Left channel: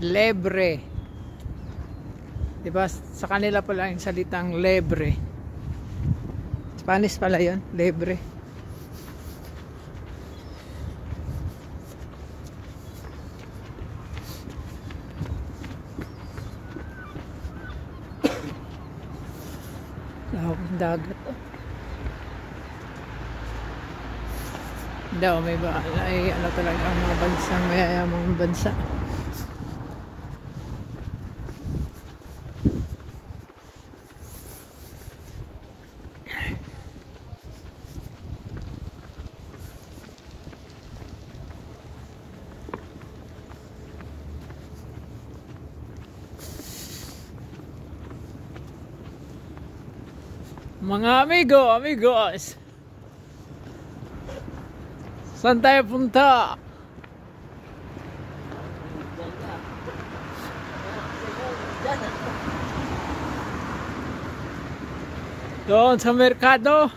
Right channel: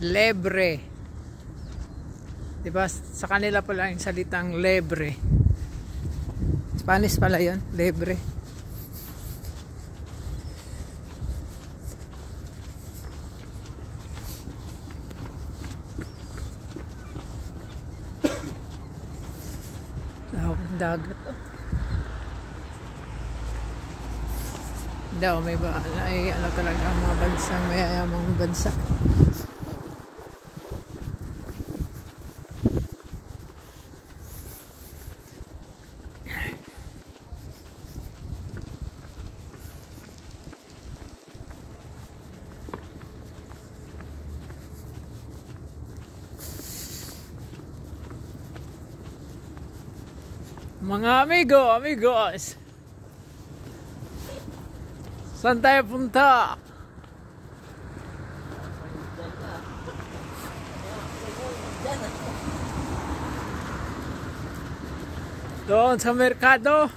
Lebre. Diba sa kanila pala yung salitang lebre. Spanish pala yun, lebre. Dagat. Daw may ba ay ano talaga ang mga bansa, mayayamang bansa. Mga amigos, saan tayo punta? Doon sa merkado.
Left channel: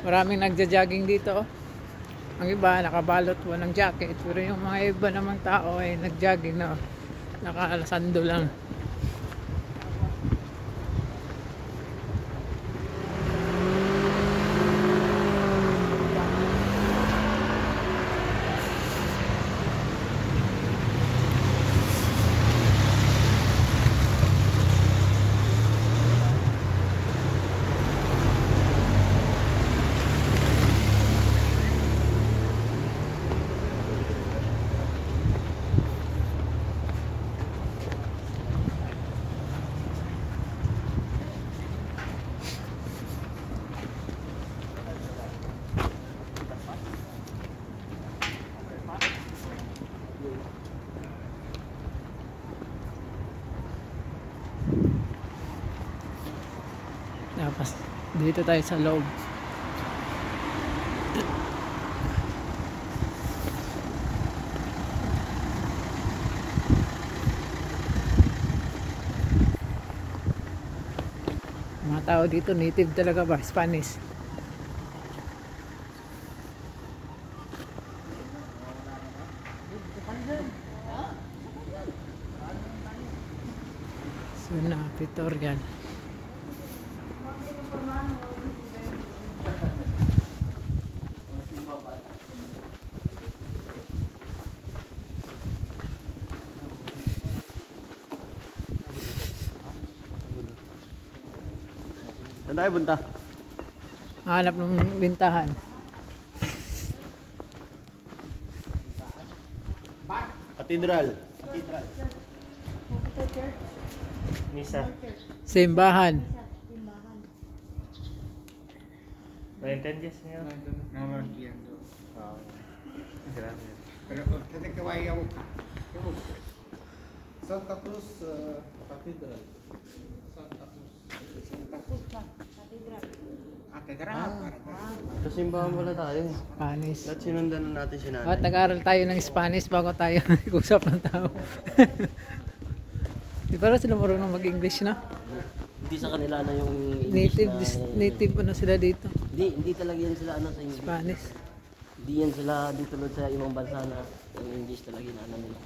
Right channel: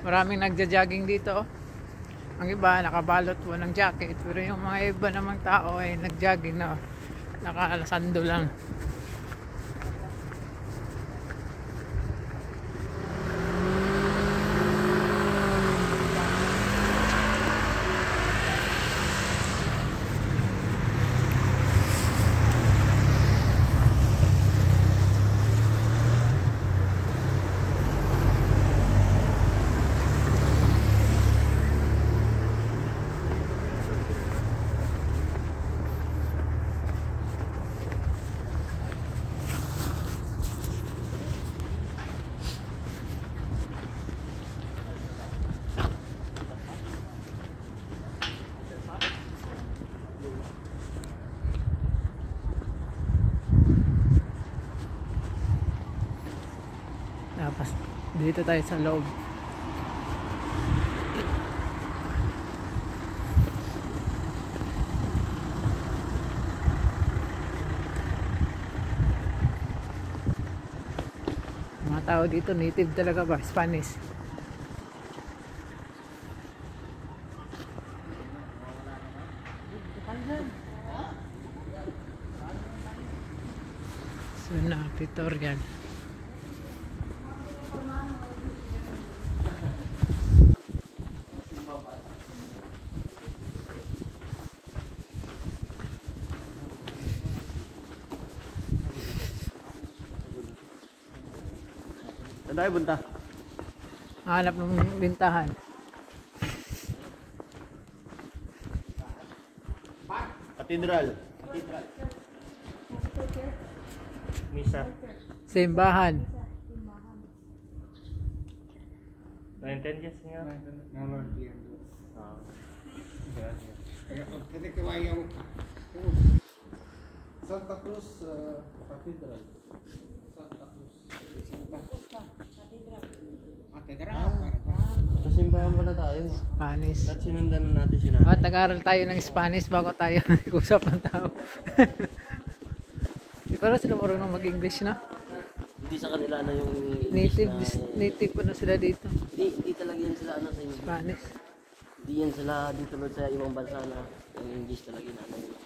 Maraming nagja-jogging dito. Ang iba nakabalot po ng jacket, pero yung mga iba namang tao ay nag-jogging na nakalasando lang. Tapos dito tayo sa loob. Mga tao dito native talaga ba? Spanish. Zona Pitorial. Saan tayo punta? Hanap ng bintahan. Katedral. Misa. Simbahan. ¿No entiendes, señor? No lo entiendo. Gracias. Pero tiene que vaya a buscar. Santa Cruz Catedral. Santa Cruz. Catedral. Sa simbahan pala tayo. Spanish. At sinundan na natin si nanay. Tag-aral tayo ng Spanish bago tayo nag-usap ng tao. Di ba sila marunong mag-English, no? Hindi sa kanila na yung Native, native ano sila dito? Hindi talaga yan sila ano sa English. Spanish. Hindi yan sila dito sa ibang bansa na yung English talaga na ano nila.